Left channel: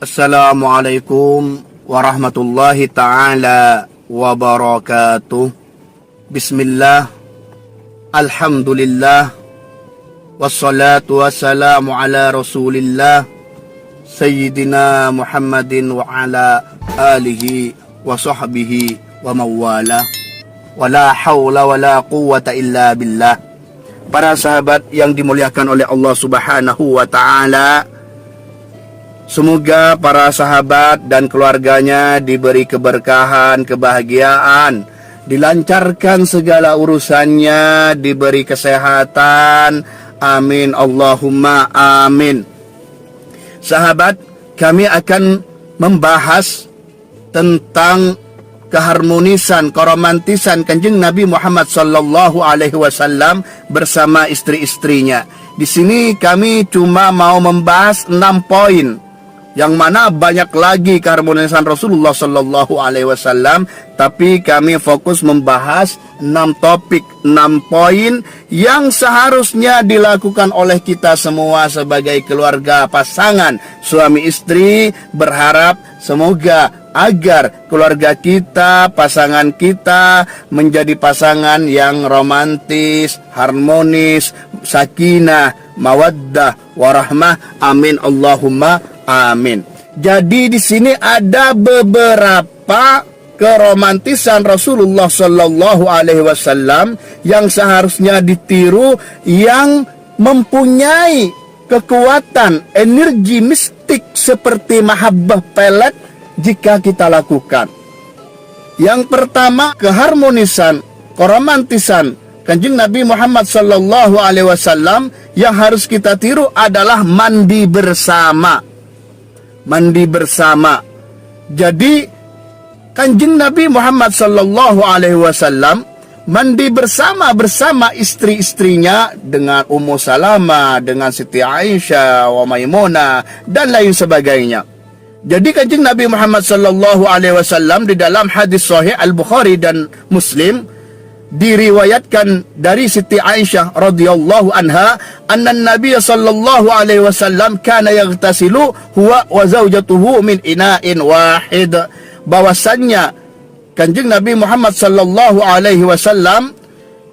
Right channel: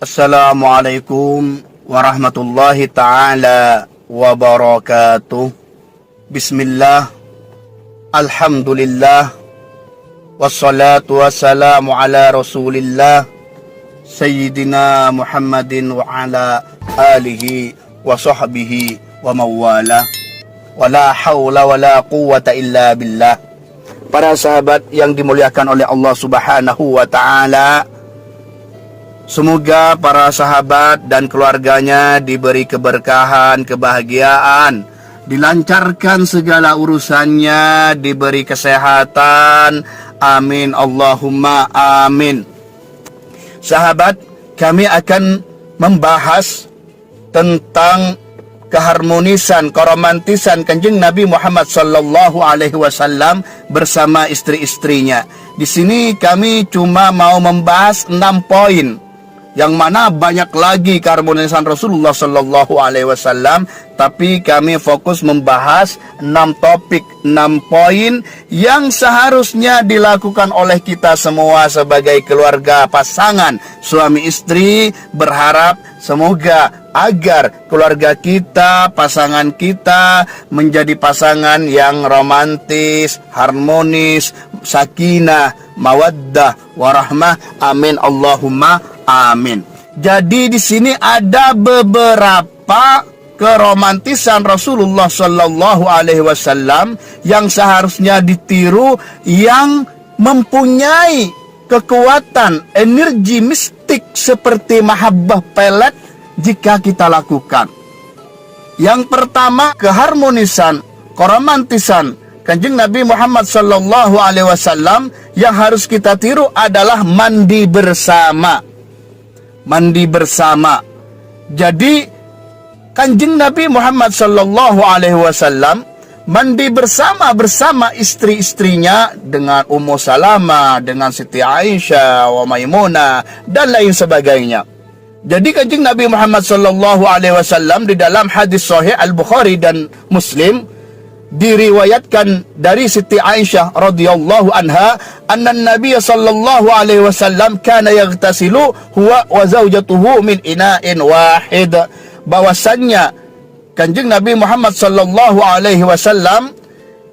Assalamualaikum warahmatullahi ta'ala wabarakatuh. Bismillah, alhamdulillah, wassalatu wassalamu ala rasulillah Sayyidina Muhammadin wa ala alihi wa sahbihi wa mawala. Wala hawla wala quwwata illa billah. Para sahabat yang dimuliakan oleh Allah subhanahu wa ta'ala, semoga para sahabat dan keluarganya diberi keberkahan, kebahagiaan, dilancarkan segala urusannya, diberi kesehatan. Amin Allahumma amin. Sahabat, kami akan membahas tentang keharmonisan, keromantisan Kanjeng Nabi Muhammad sallallahu alaihi wasallam bersama istri-istrinya. Di sini kami cuma mau membahas 6 poin, yang mana banyak lagi keharmonisan Rasulullah sallallahu alaihi wasallam, tapi kami fokus membahas 6 topik, 6 poin yang seharusnya dilakukan oleh kita semua sebagai keluarga, pasangan suami istri. Berharap semoga agar keluarga kita, pasangan kita menjadi pasangan yang romantis, harmonis, sakinah, mawaddah, warahmah. Amin Allahumma amin. Jadi di sini ada beberapa keromantisan Rasulullah sallallahu alaihi wasallam yang seharusnya ditiru, yang mempunyai kekuatan energi mistik seperti mahabbah pelet jika kita lakukan. Yang pertama, keharmonisan, keromantisan Kanjeng Nabi Muhammad sallallahu alaihi wasallam yang harus kita tiru adalah mandi bersama. Mandi bersama. Jadi Kanjeng Nabi Muhammad sallallahu alaihi wasallam mandi bersama istri-istrinya dengan Ummu Salamah, dengan Siti Aisyah, wa Maimunah dan lain sebagainya. Jadi Kanjeng Nabi Muhammad sallallahu alaihi wasallam di dalam hadis sahih Al-Bukhari dan Muslim diriwayatkan dari Siti Aisyah radhiyallahu anha, anna Nabi sallallahu alaihi wasallam kana yaghtasilu huwa wa zaujatuhu min ina'in wahid. Bahwasannya Kanjeng Nabi Muhammad sallallahu alaihi wasallam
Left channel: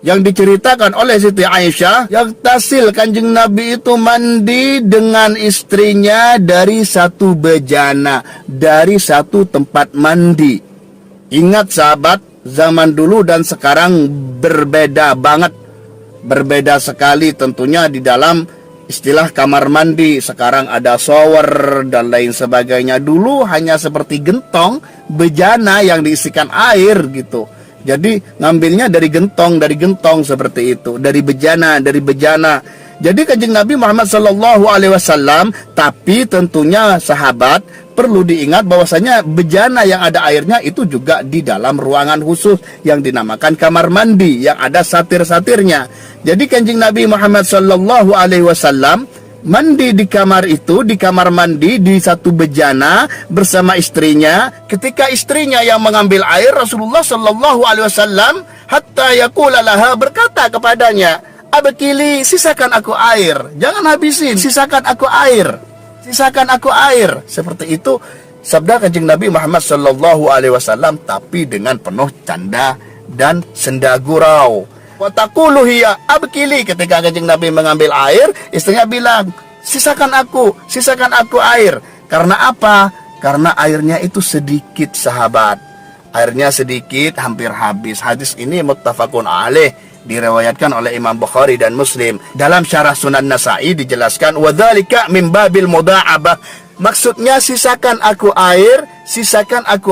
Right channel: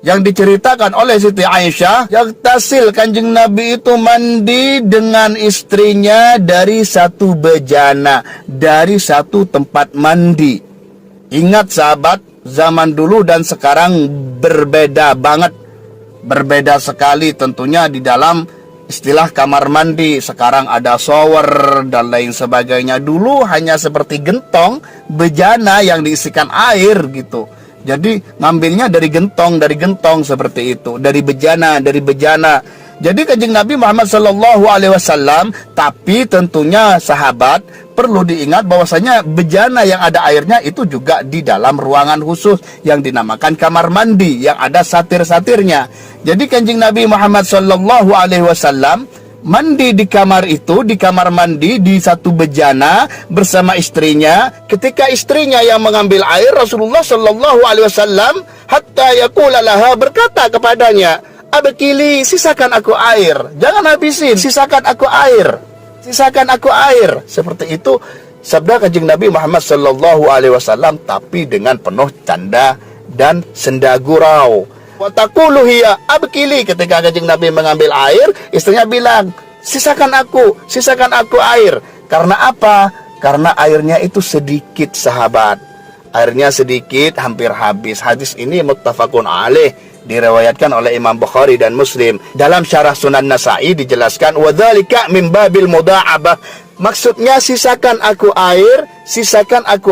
yang diceritakan oleh Siti Aisyah, yagtasil, Kanjeng Nabi itu mandi dengan istrinya dari satu bejana, dari satu tempat mandi. Ingat sahabat, zaman dulu dan sekarang berbeda banget. Berbeda sekali tentunya di dalam istilah kamar mandi. Sekarang ada shower dan lain sebagainya. Dulu hanya seperti gentong, bejana yang diisikan air gitu. Jadi ngambilnya dari gentong seperti itu, dari bejana. Jadi Kanjeng Nabi Muhammad sallallahu alaihi wasallam, tapi tentunya sahabat perlu diingat bahwasanya bejana yang ada airnya itu juga di dalam ruangan khusus yang dinamakan kamar mandi, yang ada satir-satirnya. Jadi Kanjeng Nabi Muhammad sallallahu alaihi wasallam mandi di kamar itu, di kamar mandi di satu bejana bersama istrinya. Ketika istrinya yang mengambil air, Rasulullah sallallahu alaihi wasallam hatta yaqula laha, berkata kepadanya, abkili, sisakan aku air, jangan habisin, sisakan aku air, sisakan aku air. Seperti itu sabda Kanjeng Nabi Muhammad sallallahu alaihi wasallam, tapi dengan penuh canda dan senda gurau. Wa taqulu hiya abkili, ketika Kanjeng Nabi mengambil air, istrinya bilang, sisakan aku air. Karena apa? Karena airnya itu sedikit sahabat. Airnya sedikit, hampir habis. Hadis ini muttafaqun alaih, diriwayatkan oleh Imam Bukhari dan Muslim. Dalam syarah Sunan Nasa'i dijelaskan, wa dzalika min babil mudha'abah. Maksudnya sisakan aku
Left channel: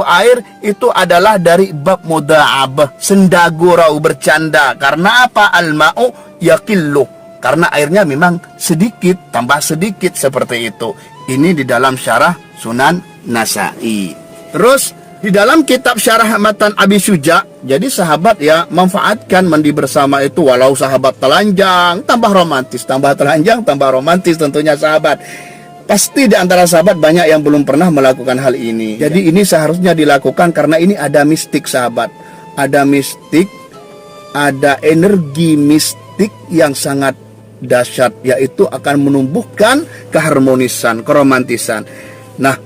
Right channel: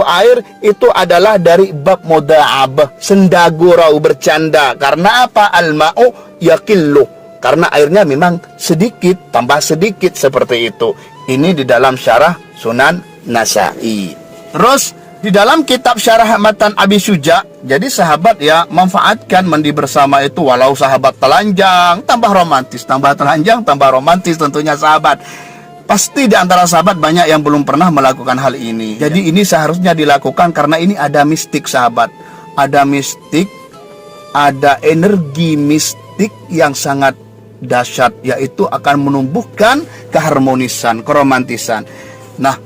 air itu adalah dari bab mudha'abah, senda gurau, bercanda. Karena apa? Al-ma'u yaqillu, karena airnya memang sedikit, tambah sedikit, seperti itu. Ini di dalam syarah Sunan Nasa'i. Terus di dalam kitab syarah Matan Abi Syuja, jadi sahabat ya manfaatkan mandi bersama itu, walau sahabat telanjang, tambah romantis, tambah telanjang, tambah romantis tentunya sahabat. Pasti di antara sahabat banyak yang belum pernah melakukan hal ini. Jadi ini seharusnya dilakukan karena ini ada mistik sahabat. Ada mistik, ada energi mistik yang sangat dahsyat, yaitu akan menumbuhkan keharmonisan, keromantisan. Nah,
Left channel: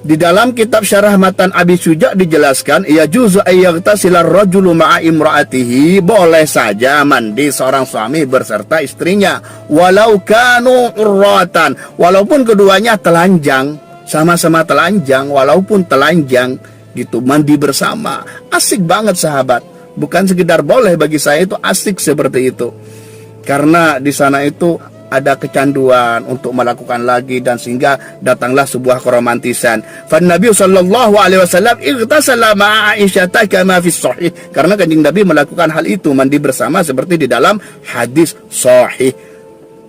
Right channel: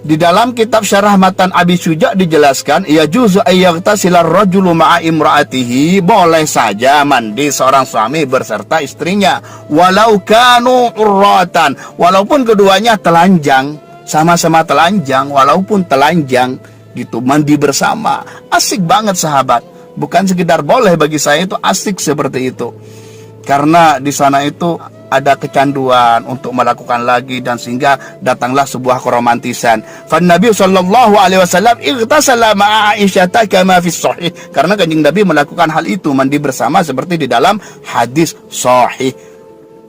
Di dalam kitab Syarah Matan Abi Syuja dijelaskan, ya juzu ayyaghtasilar rajulu ma'a imra'atihi, boleh saja mandi seorang suami berserta istrinya, walau kanu urratan, walaupun keduanya telanjang, sama-sama telanjang, walaupun telanjang gitu, mandi bersama. Asik banget sahabat. Bukan sekedar boleh, bagi saya itu asik seperti itu. Karena di sana itu ada kecanduan untuk melakukan lagi, dan sehingga datanglah sebuah keromantisan. Fan Nabi sallallahu alaihi wasallam ightasala ma'a Aisyah kama fi sahih. Karena Kanjeng Nabi melakukan hal itu, mandi bersama seperti di dalam hadis sahih.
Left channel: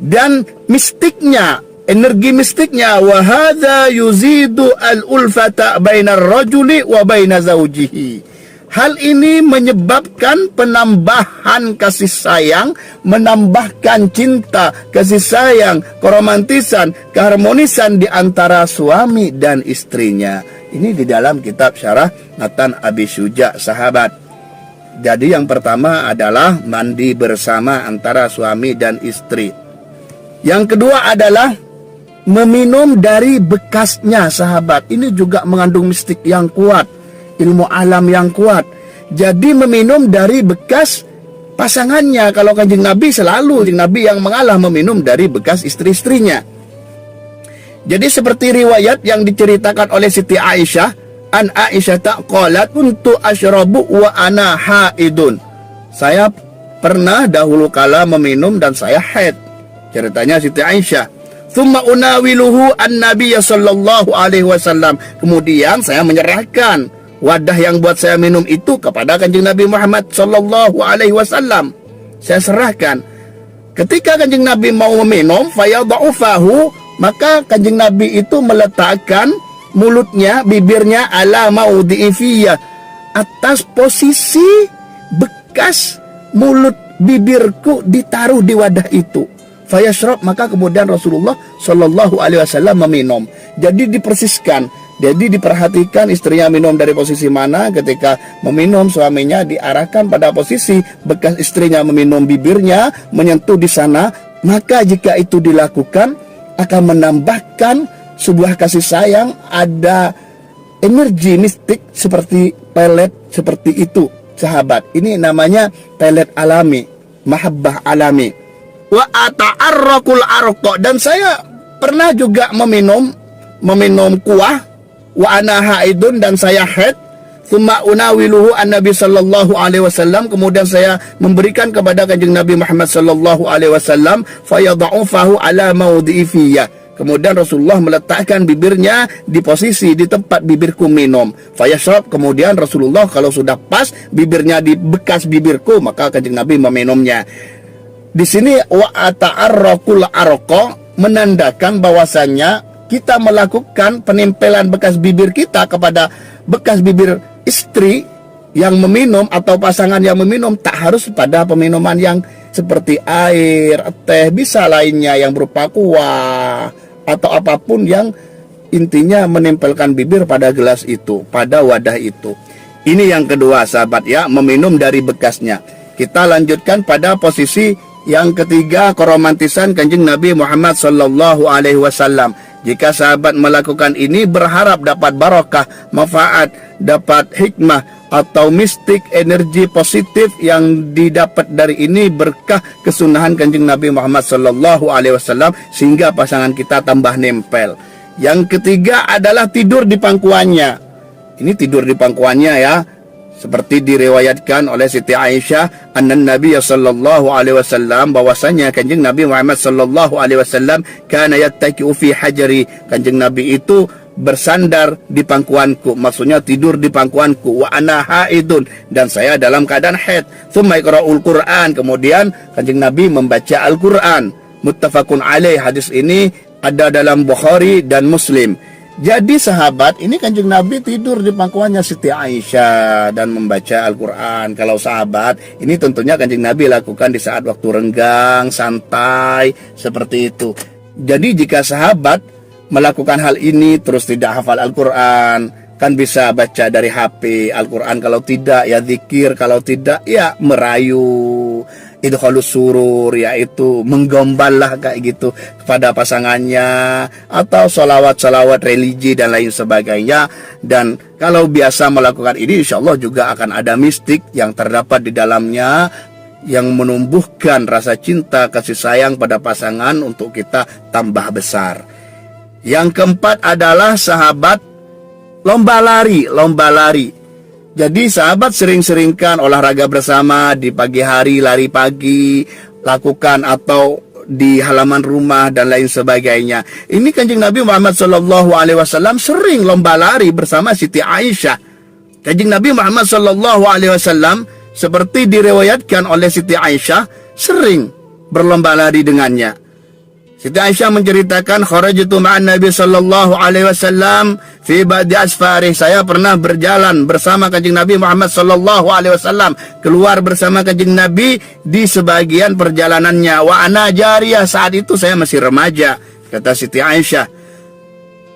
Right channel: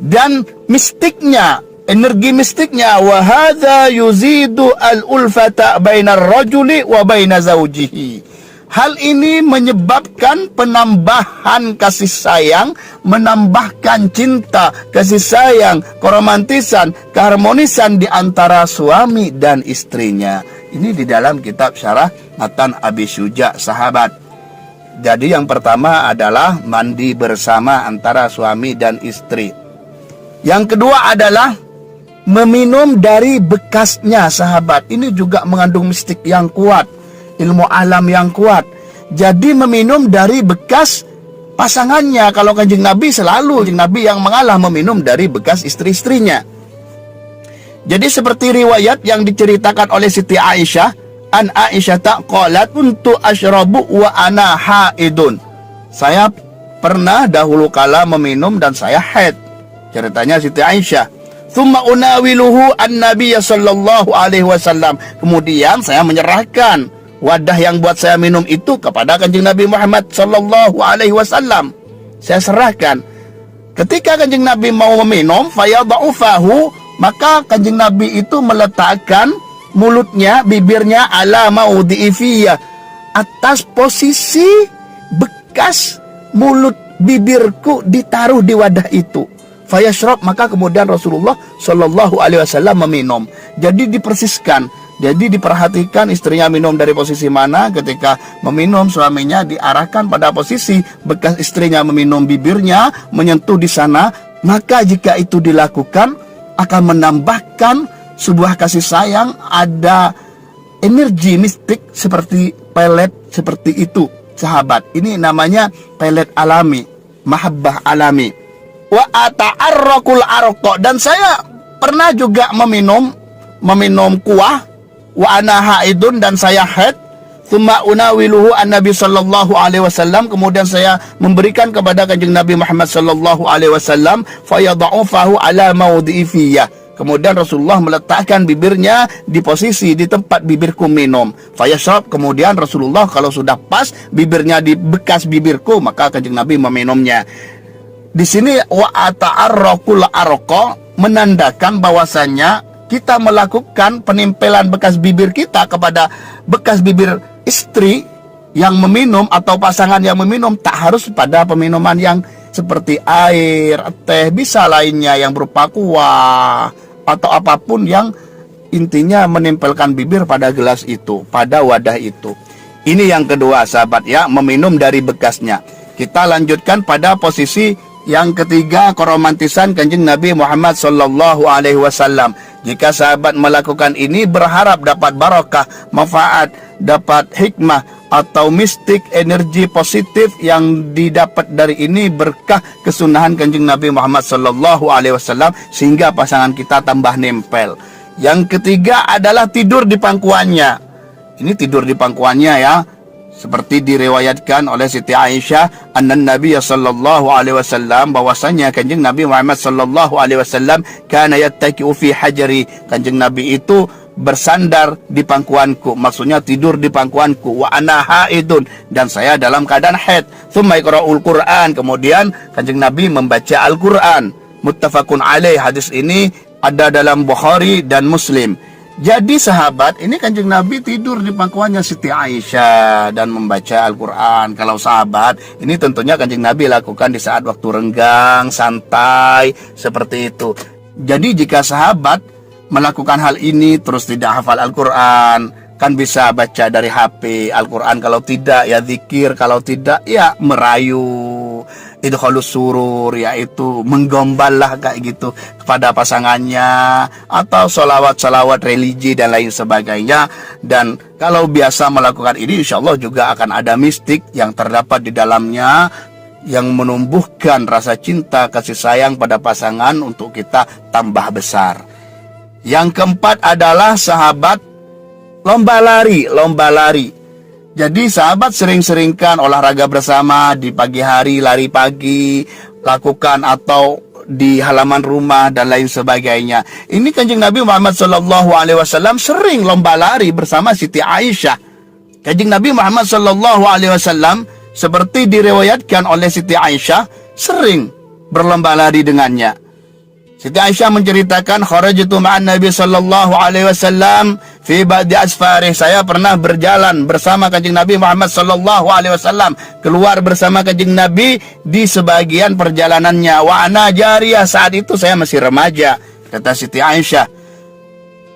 Dan mistiknya, energi mistiknya, wa hadza yuzidu al-ulfata bainar rajuli wa baina zawjihi. Hal ini menyebabkan penambahan kasih sayang, menambahkan cinta, kasih sayang, keromantisan, keharmonisan di antara suami dan istrinya. Ini di dalam kitab Syarah Matan Abi Syuja, sahabat. Jadi yang pertama adalah mandi bersama antara suami dan istri. Yang kedua adalah meminum dari bekasnya, sahabat. Ini juga mengandung mistik yang kuat, ilmu alam yang kuat. Jadi meminum dari bekas pasangannya. Kalau Kanjeng Nabi selalu, Kanjeng Nabi yang mengalah meminum dari bekas istri-istrinya. Jadi seperti riwayat yang diceritakan oleh Siti Aisyah, an Aisyah taqalat untuk asyrabu wa ana haidun. Saya pernah dahulu kala meminum dan saya haid. Ceritanya Siti Aisyah. Thumma unawiluhu an-nabiy sallallahu alaihi wasallam. Kemudian saya menyerahkan wadah yang buat saya minum itu kepada Kanjeng Nabi Muhammad sallallahu alaihi wasallam. Saya serahkan. Ketika Kanjeng Nabi mau meminum, fayada'u fahu, maka Kanjeng Nabi itu meletakkan mulutnya, bibirnya ala maudhi'i fiyya, atas posisi bekas mulut bibirku ditaruh di wadah itu. Fayashrab, maka kemudian Rasulullah sallallahu alaihi wasallam meminum. Jadi dipersiskan. Jadi diperhatikan istrinya minum dari posisi mana. Ketika meminum, suaminya diarahkan pada posisi bekas istrinya meminum, bibirnya menyentuh di sana. Maka jika itu dilakukan, akan menambahkan sebuah kasih sayang, ada energi mistik seperti pelet seperti itu, sahabat. Ini namanya pelet alami, mahabbah alami. Wa ata'arraqul arqa, dan saya pernah juga meminum kuah, wa ana haidun, dan saya haid. Tsumma unawiluhu an-nabi sallallahu alaihi wasallam, kemudian saya memberikan kepada Kanjeng Nabi Muhammad sallallahu alaihi wasallam, fayad'u fahu ala maudhi'i fiyya. Kemudian Rasulullah meletakkan bibirnya di posisi di tempat bibirku minum. Fayashrab, kemudian Rasulullah kalau sudah pas bibirnya di bekas bibirku, maka Kanjeng Nabi meminumnya. Di sini wa ata'arraqul arqa menandakan bahwasanya kita melakukan penempelan bekas bibir kita kepada bekas bibir istri yang meminum atau pasangan yang meminum. Tak harus pada peminuman yang seperti air, teh, bisa lainnya yang berupa kuah atau apapun yang intinya menempelkan bibir pada gelas itu, pada wadah itu. Ini yang kedua, sahabat ya, meminum dari bekasnya. Kita lanjutkan pada posisi yang ketiga, keromantisan Kanjeng Nabi Muhammad sallallahu alaihi wasallam. Jika sahabat melakukan ini, berharap dapat barokah, manfaat, dapat hikmah atau mistik, energi positif yang didapat dari ini, berkah kesunahan Kanjeng Nabi Muhammad sallallahu alaihi wasallam, sehingga pasangan kita tambah nempel. Yang ketiga adalah tidur di pangkuannya. Ini tidur di pangkuannya ya. Seperti diriwayatkan oleh Siti Aisyah, annan Nabi sallallahu alaihi wasallam, bahwasanya Kanjeng Nabi Muhammad sallallahu alaihi wasallam kana yattaki'u fi hajri. Kanjeng Nabi itu bersandar di pangkuanku, maksudnya tidur di pangkuanku, wa ana haidun, dan saya dalam keadaan haid. Tsumma yaqra'ul Qur'an, kemudian Kanjeng Nabi membaca Al-Qur'an. Muttafaqun alaih, hadis ini ada dalam Bukhari dan Muslim. Jadi sahabat, ini Kanjeng Nabi tidur di pangkuannya Siti Aisyah dan membaca Al-Quran. Kalau sahabat, ini tentunya Kanjeng Nabi lakukan di saat waktu renggang, santai, seperti itu. Jadi jika sahabat melakukan hal ini terus tidak hafal Al-Quran, kan bisa baca dari HP Al-Quran, kalau tidak ya zikir, kalau tidak ya merayu. idkhalus surur, yaitu menggombal lah kayak gitu kepada pasangannya, atau salawat-salawat religi dan lain sebagainya. Dan kalau biasa melakukan ini, insya Allah juga akan ada mistik yang terdapat di dalamnya, yang menumbuhkan rasa cinta kasih sayang pada pasangan untuk kita tambah besar. Yang keempat adalah sahabat lomba lari. Jadi sahabat sering-seringkan olahraga bersama di pagi hari, lari pagi, lakukan atau di halaman rumah dan lain sebagainya. Ini Kanjeng Nabi Muhammad SAW sering lomba lari bersama Siti Aisyah. Kanjeng Nabi Muhammad SAW seperti diriwayatkan oleh Siti Aisyah sering berlomba lari dengannya. Siti Aisyah menceritakan, kharajtu ma'an Nabi sallallahu alaihi wasallam fi ba'di asfarih. Saya pernah berjalan bersama Kanjeng Nabi Muhammad sallallahu alaihi wasallam, keluar bersama Kanjeng Nabi di sebagian perjalanannya. Wa ana jariyah, saat itu saya masih remaja. Kata Siti Aisyah,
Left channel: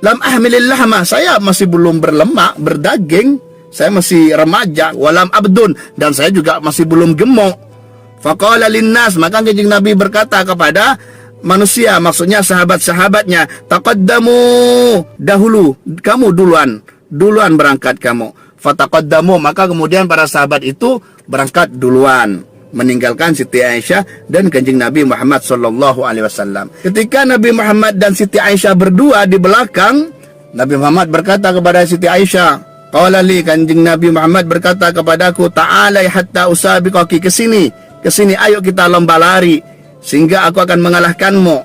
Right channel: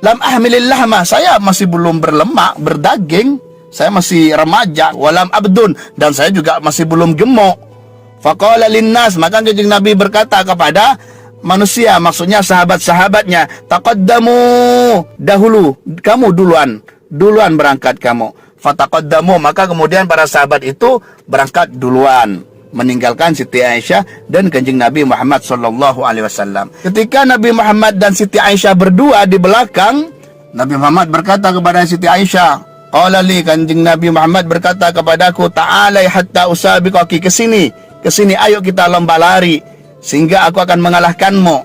lam ahmilil lahma, saya masih belum berlemak, berdaging. Saya masih remaja, walam abdun, dan saya juga masih belum gemuk. Faqala linnas, maka Kanjeng Nabi berkata kepada manusia, maksudnya sahabat-sahabatnya, taqaddamu, dahulu, kamu duluan berangkat kamu. Fataqaddamu, maka kemudian para sahabat itu berangkat duluan, meninggalkan Siti Aisyah dan Kanjeng Nabi Muhammad sallallahu alaihi wasallam. Ketika Nabi Muhammad dan Siti Aisyah berdua di belakang, Nabi Muhammad berkata kepada Siti Aisyah, qala li, Kanjeng Nabi Muhammad berkata kepadaku, ta'alai hatta usabiqaki, kesini, ayo kita lomba lari sehingga aku akan mengalahkanmu.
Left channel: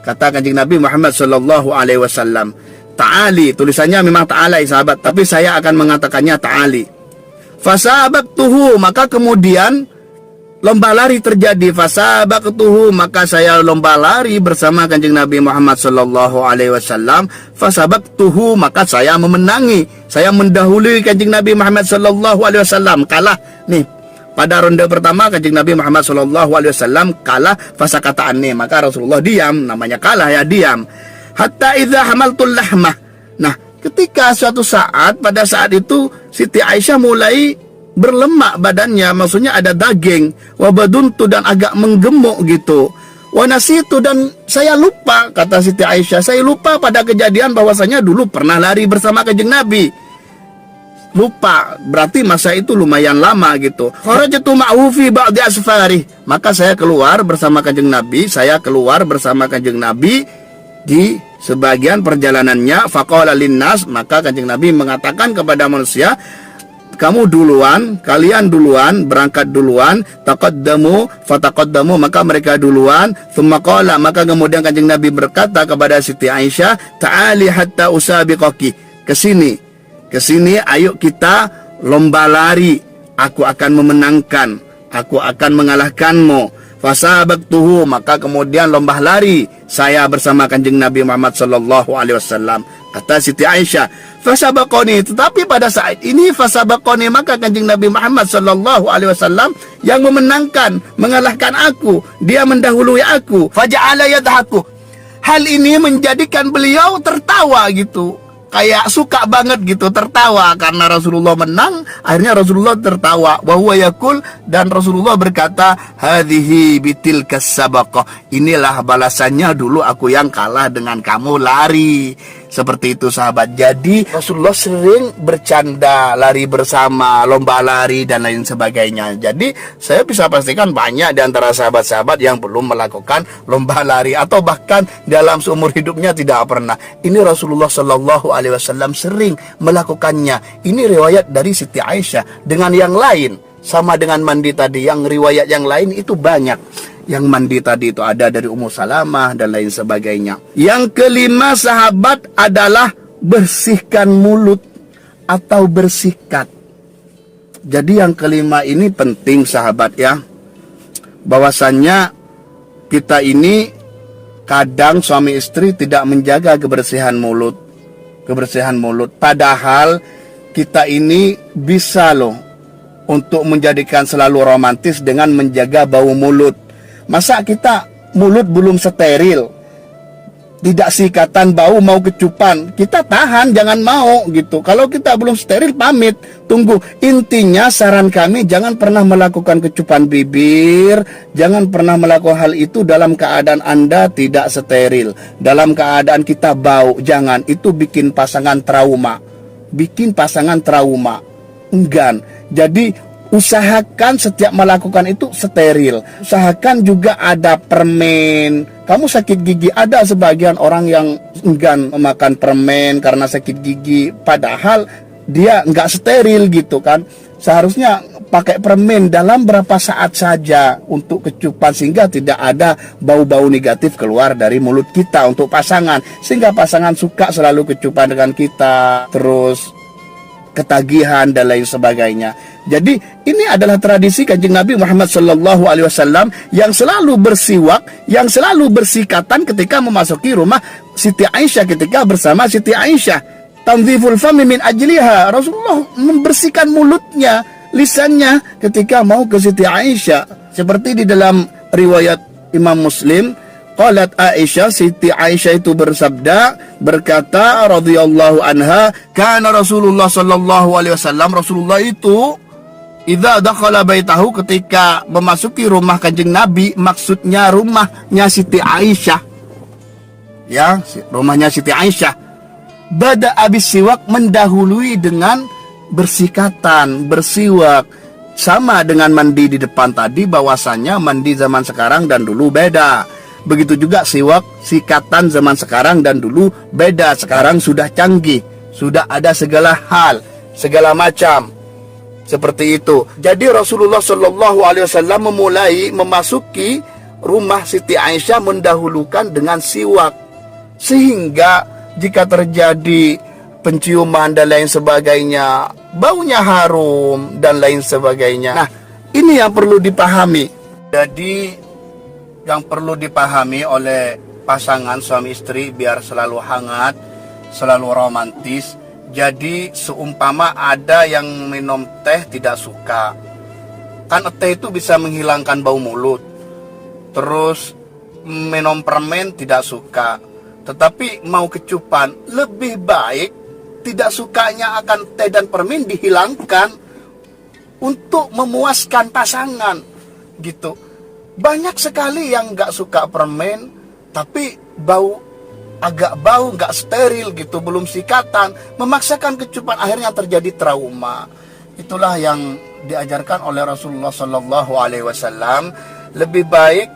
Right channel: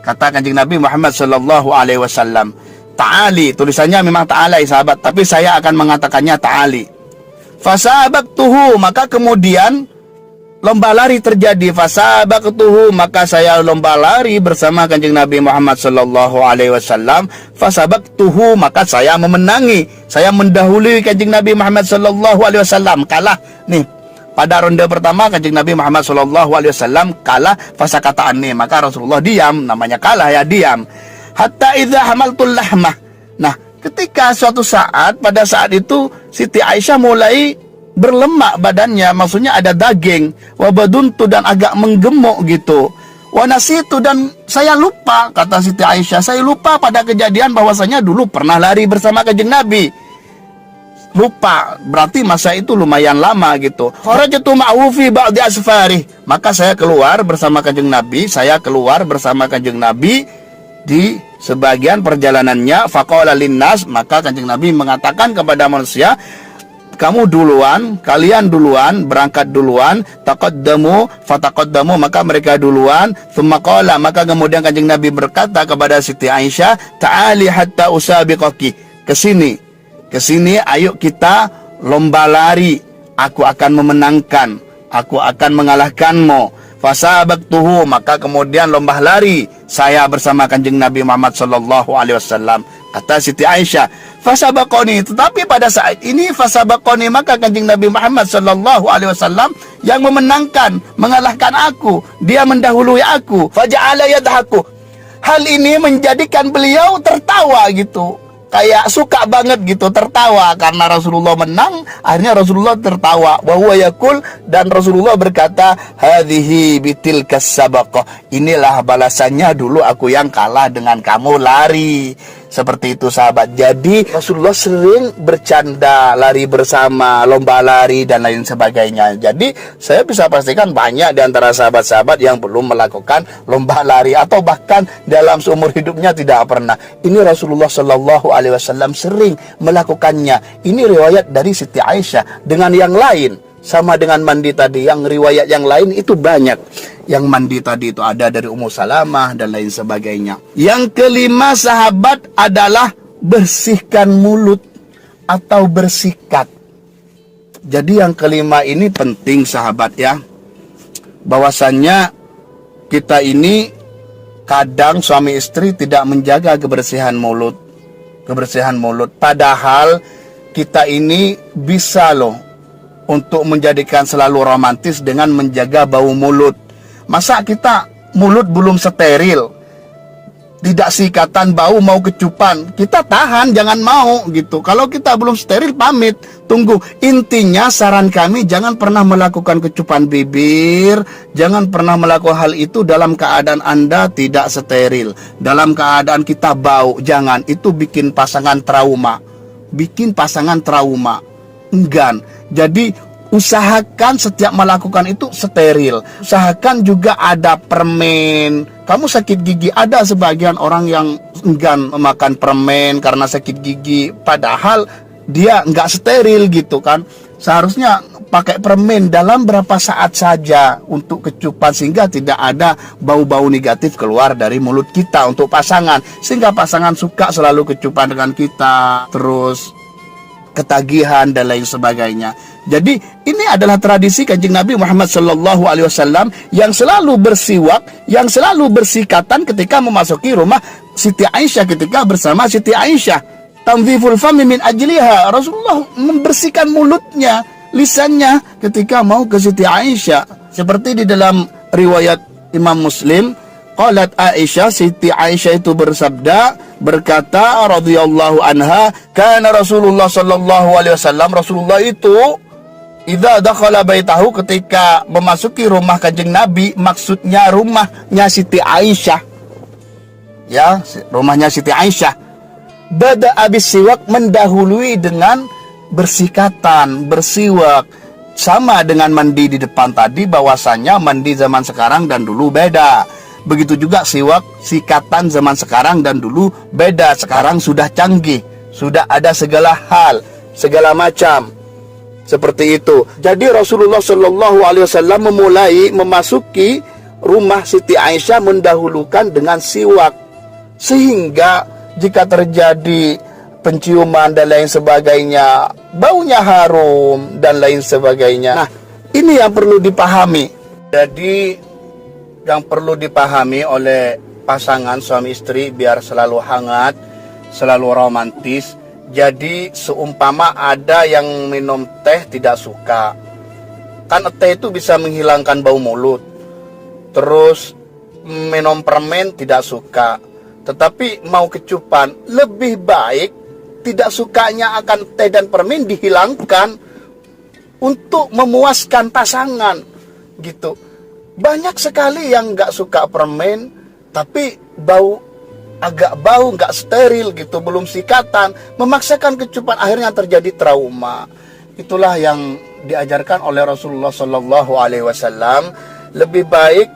Kata Kanjeng Nabi Muhammad sallallahu alaihi wasallam. Ta'ali, tulisannya memang ta'alai sahabat, tapi saya akan mengatakannya ta'ali. Fasabaqtuhu, maka kemudian lomba lari terjadi. Fasabaqtuhu, maka saya lomba lari bersama Kanjeng Nabi Muhammad sallallahu alaihi wasallam. Fasabaqtuhu, maka saya memenangi, saya mendahului Kanjeng Nabi Muhammad sallallahu alaihi wasallam. Kalah nih. Pada ronde pertama Kanjeng Nabi Muhammad SAW kalah, fasakata anni, maka Rasulullah diam, namanya kalah ya, diam. Hatta idza hamaltul lahmah. Nah, ketika suatu saat, pada saat itu Siti Aisyah mulai berlemak badannya, maksudnya ada daging, wabaduntu, dan agak menggemuk gitu. Wanasitu, dan saya lupa, kata Siti Aisyah, saya lupa pada kejadian bahwasanya dulu pernah lari bersama Kanjeng Nabi. Lupa, berarti masa itu lumayan lama gitu. Kharajtu ma'hu fi ba'di asfarih, maka saya keluar bersama Kanjeng Nabi, di sebagian perjalanannya. Faqala linnas, maka Kanjeng Nabi mengatakan kepada manusia, kamu duluan, kalian duluan, berangkat duluan. Taqaddamu fataqaddamu, maka mereka duluan. Tsumma qala, maka kemudian Kanjeng Nabi berkata kepada Siti Aisyah, ta'ali hatta usabiqaki, kesini, ayo kita lomba lari, aku akan memenangkan, aku akan mengalahkanmu. Fasabaqtuhu, maka kemudian lomba lari saya bersama Kanjeng Nabi Muhammad sallallahu alaihi wasallam. Kata Siti Aisyah, fasabaqoni, tetapi pada saat ini fasabaqoni, maka Kanjeng Nabi Muhammad sallallahu alaihi wasallam yang memenangkan, mengalahkan aku, dia mendahului aku. Faja'ala yadhaku, hal ini menjadikan beliau tertawa gitu, kayak suka banget gitu, tertawa karena Rasulullah menang. Akhirnya Rasulullah tertawa, wa huwa yaqul, dan Rasulullah berkata, hadhihi bitilkas sabaqah, inilah balasannya dulu aku yang kalah dengan kamu lari. Seperti itu sahabat. Jadi Rasulullah sering bercanda, lari bersama, lomba lari dan lain sebagainya. Jadi saya bisa pastikan banyak di antara sahabat-sahabat yang belum melakukan lomba lari, atau bahkan dalam seumur hidupnya tidak pernah. Ini Rasulullah Shallallahu Alaihi Wasallam sering melakukannya. Ini riwayat dari Siti Aisyah. Dengan yang lain, sama dengan mandi tadi, yang riwayat yang lain itu banyak. Yang mandi tadi itu ada dari Ummu Salamah dan lain sebagainya. Yang kelima sahabat adalah bersihkan mulut atau bersikat. Jadi yang kelima ini penting sahabat ya. Bahwasannya kita ini kadang suami istri tidak menjaga kebersihan mulut. Padahal kita ini bisa loh untuk menjadikan selalu romantis dengan menjaga bau mulut. Masa kita mulut belum steril, tidak sikatan, bau, mau kecupan, kita tahan, jangan mau gitu. Kalau kita belum steril, pamit, tunggu. Intinya saran kami, jangan pernah melakukan kecupan bibir, jangan pernah melakukan hal itu dalam keadaan Anda tidak steril, dalam keadaan kita bau, jangan. Itu bikin pasangan trauma, enggan. Jadi usahakan setiap melakukan itu steril. Usahakan juga ada permen. Kamu sakit gigi, ada sebagian orang yang enggan memakan permen karena sakit gigi, padahal dia nggak steril gitu kan. Seharusnya pakai permen dalam berapa saat saja untuk kecupan, sehingga tidak ada bau-bau negatif keluar dari mulut kita untuk pasangan, sehingga pasangan suka selalu kecupan dengan kita, terus ketagihan dan lain sebagainya. Jadi ini adalah tradisi Kanjeng Nabi Muhammad SAW yang selalu bersiwak, yang selalu bersikatan ketika memasuki rumah Siti Aisyah, ketika bersama Siti Aisyah. Tanziful fami min ajliha. Rasulullah membersihkan mulutnya, lisannya ketika mau ke Siti Aisyah. Seperti di dalam riwayat Imam Muslim, qalat Aisyah, Siti Aisyah itu berkata radhiyallahu anha, kana Rasulullah sallallahu alaihi wasallam, Rasulullah itu idza dakhala baitahu, ketika memasuki rumah Kanjeng Nabi, maksudnya rumahnya Siti Aisyah. Ya, rumahnya Siti Aisyah. Bada abis siwak, mendahului dengan bersikatan, bersiwak. Sama dengan mandi di depan tadi, bahwasanya mandi zaman sekarang dan dulu beda. Begitu juga siwak, sikatan zaman sekarang dan dulu beda. Sekarang sudah canggih, sudah ada segala hal, segala macam. Seperti itu. Jadi Rasulullah Shallallahu Alaihi Wasallam memulai memasuki rumah Siti Aisyah mendahulukan dengan siwak, sehingga jika terjadi penciuman dan lain sebagainya, baunya harum dan lain sebagainya. Nah, ini yang perlu dipahami. Jadi yang perlu dipahami oleh pasangan suami istri biar selalu hangat, selalu romantis. Jadi seumpama ada yang minum teh tidak suka, kan teh itu bisa menghilangkan bau mulut. Terus minum permen tidak suka, tetapi mau kecupan, lebih baik tidak sukanya akan teh dan permen dihilangkan untuk memuaskan pasangan gitu. Banyak sekali yang nggak suka permen, tapi agak bau, nggak steril gitu, belum sikatan, memaksakan kecupan, akhirnya terjadi trauma. Itulah yang diajarkan oleh Rasulullah Sallallahu Alaihi Wasallam. Lebih baik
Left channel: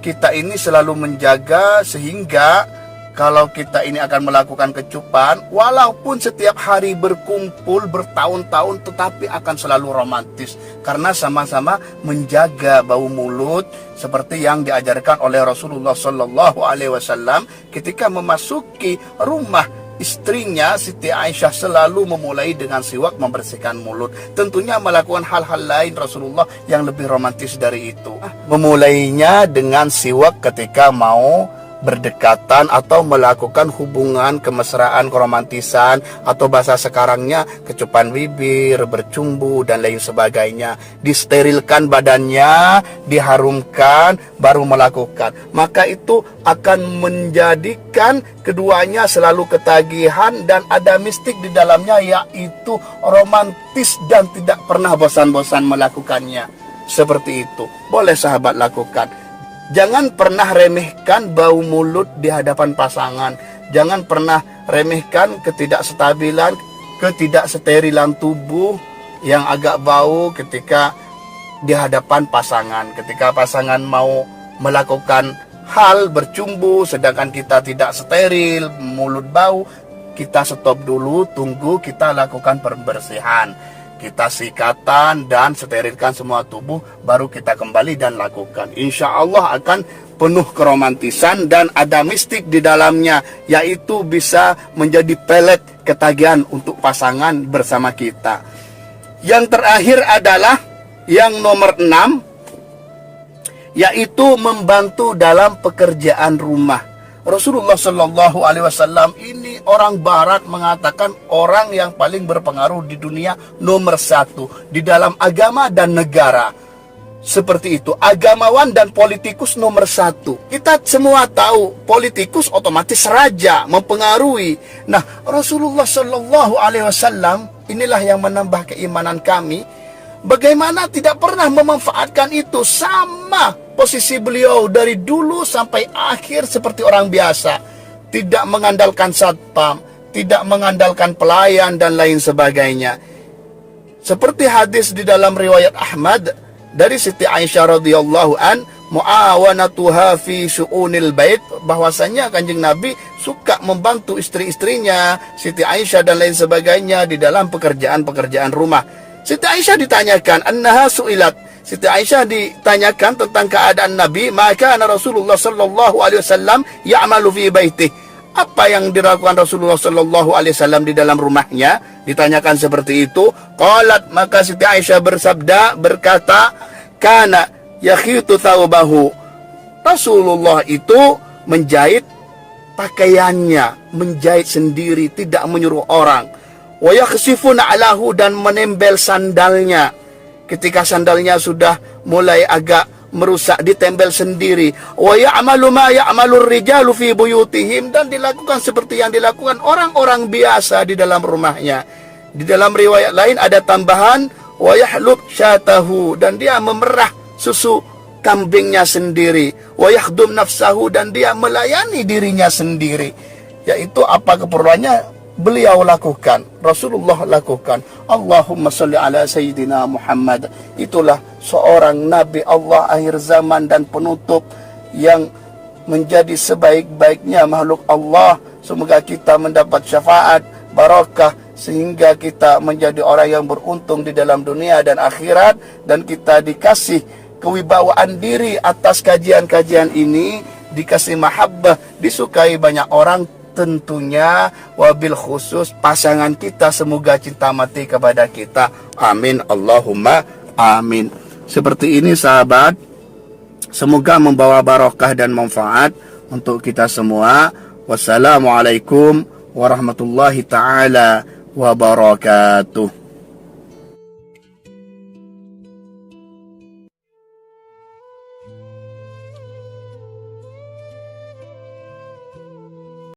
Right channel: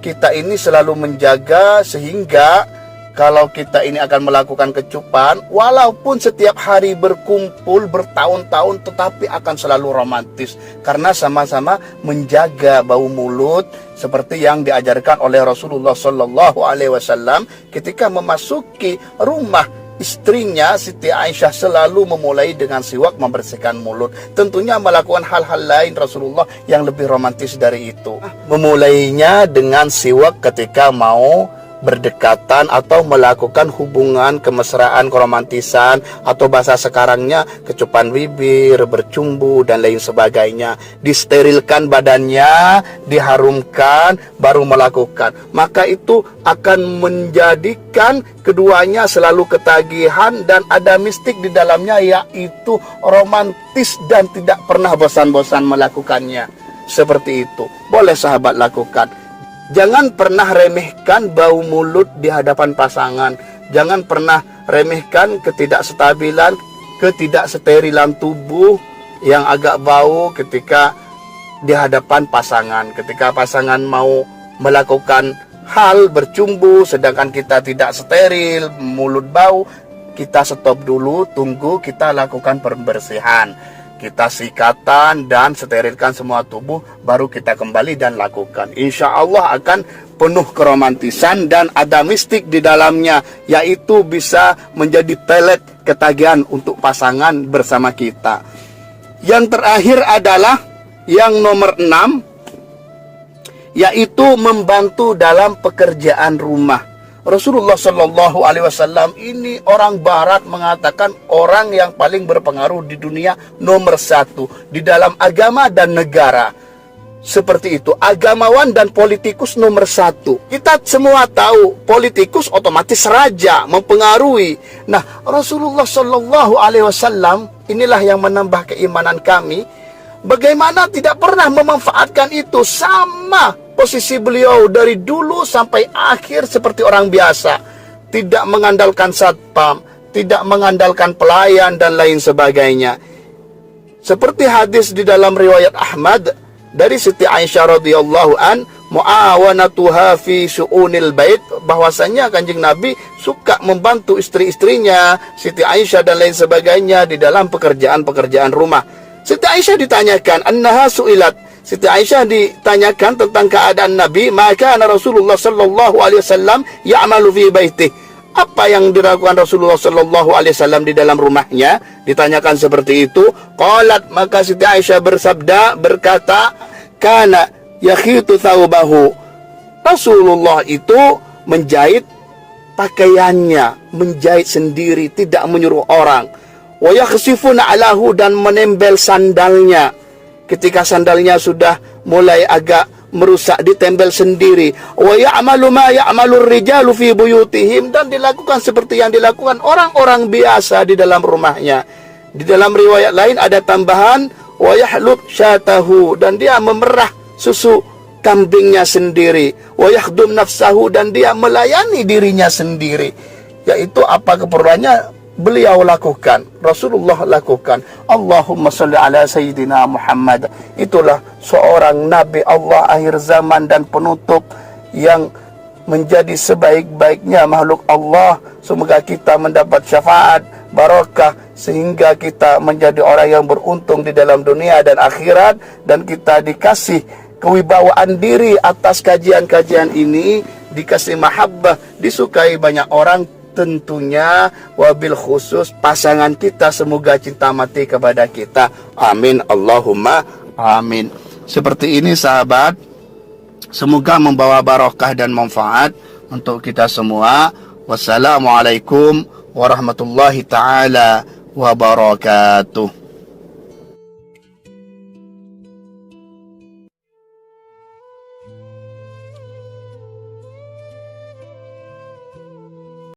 kita ini selalu menjaga, sehingga kalau kita ini akan melakukan kecupan, walaupun setiap hari berkumpul bertahun-tahun, tetapi akan selalu romantis, karena sama-sama menjaga bau mulut, seperti yang diajarkan oleh Rasulullah Sallallahu Alaihi Wasallam ketika memasuki rumah istrinya Siti Aisyah, selalu memulai dengan siwak, membersihkan mulut. Tentunya melakukan hal-hal lain Rasulullah yang lebih romantis dari itu. Memulainya dengan siwak ketika mau berdekatan atau melakukan hubungan kemesraan, keromantisan, atau bahasa sekarangnya kecupan bibir, bercumbu dan lain sebagainya. Disterilkan badannya, diharumkan, baru melakukan. Maka itu akan menjadikan keduanya selalu ketagihan dan ada mistik di dalamnya, yaitu romantis dan tidak pernah bosan-bosan melakukannya. Seperti itu. Boleh sahabat lakukan. Jangan pernah remehkan bau mulut di hadapan pasangan. Jangan pernah remehkan ketidakstabilan, ketidaksterilan tubuh yang agak bau ketika di hadapan pasangan. Ketika pasangan mau melakukan hal bercumbu, sedangkan kita tidak steril, mulut bau, kita stop dulu, tunggu, kita lakukan pembersihan. Kita sikatan dan sterilkan semua tubuh, baru kita kembali dan lakukan. Insya Allah akan penuh keromantisan dan ada mistik di dalamnya, yaitu bisa menjadi pelet ketagihan untuk pasangan bersama kita. Yang terakhir adalah yang nomor 6, yaitu membantu dalam pekerjaan rumah. Rasulullah Shallallahu Alaihi Wasallam ini orang Barat mengatakan orang yang paling berpengaruh di dunia, nomor 1 di dalam agama dan negara. seperti itu, agamawan dan politikus nomor satu. Kita semua tahu politikus otomatis raja, mempengaruhi. Nah, Rasulullah Shallallahu Alaihi Wasallam inilah yang menambah keimanan kami. Bagaimana tidak pernah memanfaatkan itu, sama posisi beliau dari dulu sampai akhir seperti orang biasa, tidak mengandalkan satpam, tidak mengandalkan pelayan dan lain sebagainya. Seperti hadis di dalam riwayat Ahmad dari Siti Aisyah radhiyallahu an, muawanatuha fi syu'unil bait, bahwasanya Kanjeng Nabi suka membantu istri-istrinya, Siti Aisyah dan lain sebagainya di dalam pekerjaan-pekerjaan rumah. Siti Aisyah ditanyakan, annaha su'ilat, Siti Aisyah ditanyakan tentang keadaan Nabi, maka Rasulullah sallallahu alaihi wasallam ya'malu fi baitih, apa yang dilakukan Rasulullah sallallahu alaihi wasallam di dalam rumahnya. Ditanyakan seperti itu, qalat, maka Siti Aisyah berkata, kana yakhitu thawbahu, Rasulullah itu menjahit pakaiannya, menjahit sendiri, tidak menyuruh orang. Wa yakhsifuna alahu, dan menembel sandalnya. Ketika sandalnya sudah mulai agak merusak, ditembel sendiri. Wa ya'malu ma ya'malu ar-rijalu fi buyutihim, dan dilakukan seperti yang dilakukan orang-orang biasa di dalam rumahnya. Di dalam riwayat lain ada tambahan, wa yahlub syatahu, dan dia memerah susu kambingnya sendiri. Wa yakhdum nafsahu, dan dia melayani dirinya sendiri. Yaitu apa keperluannya beliau lakukan, Rasulullah lakukan. Allahumma salli ala Sayyidina Muhammad. Itulah seorang Nabi Allah akhir zaman dan penutup yang menjadi sebaik-baiknya makhluk Allah. Semoga kita mendapat syafaat, barakah, sehingga kita menjadi orang yang beruntung di dalam dunia dan akhirat, dan kita dikasih kewibawaan diri atas kajian-kajian ini, dikasih mahabbah, disukai banyak orang, tentunya wabil khusus pasangan kita, semoga cinta mati kepada kita. Amin, Allahumma amin. Seperti ini sahabat, semoga membawa barakah dan manfaat untuk kita semua. Wassalamualaikum warahmatullahi taala wabarakatuh.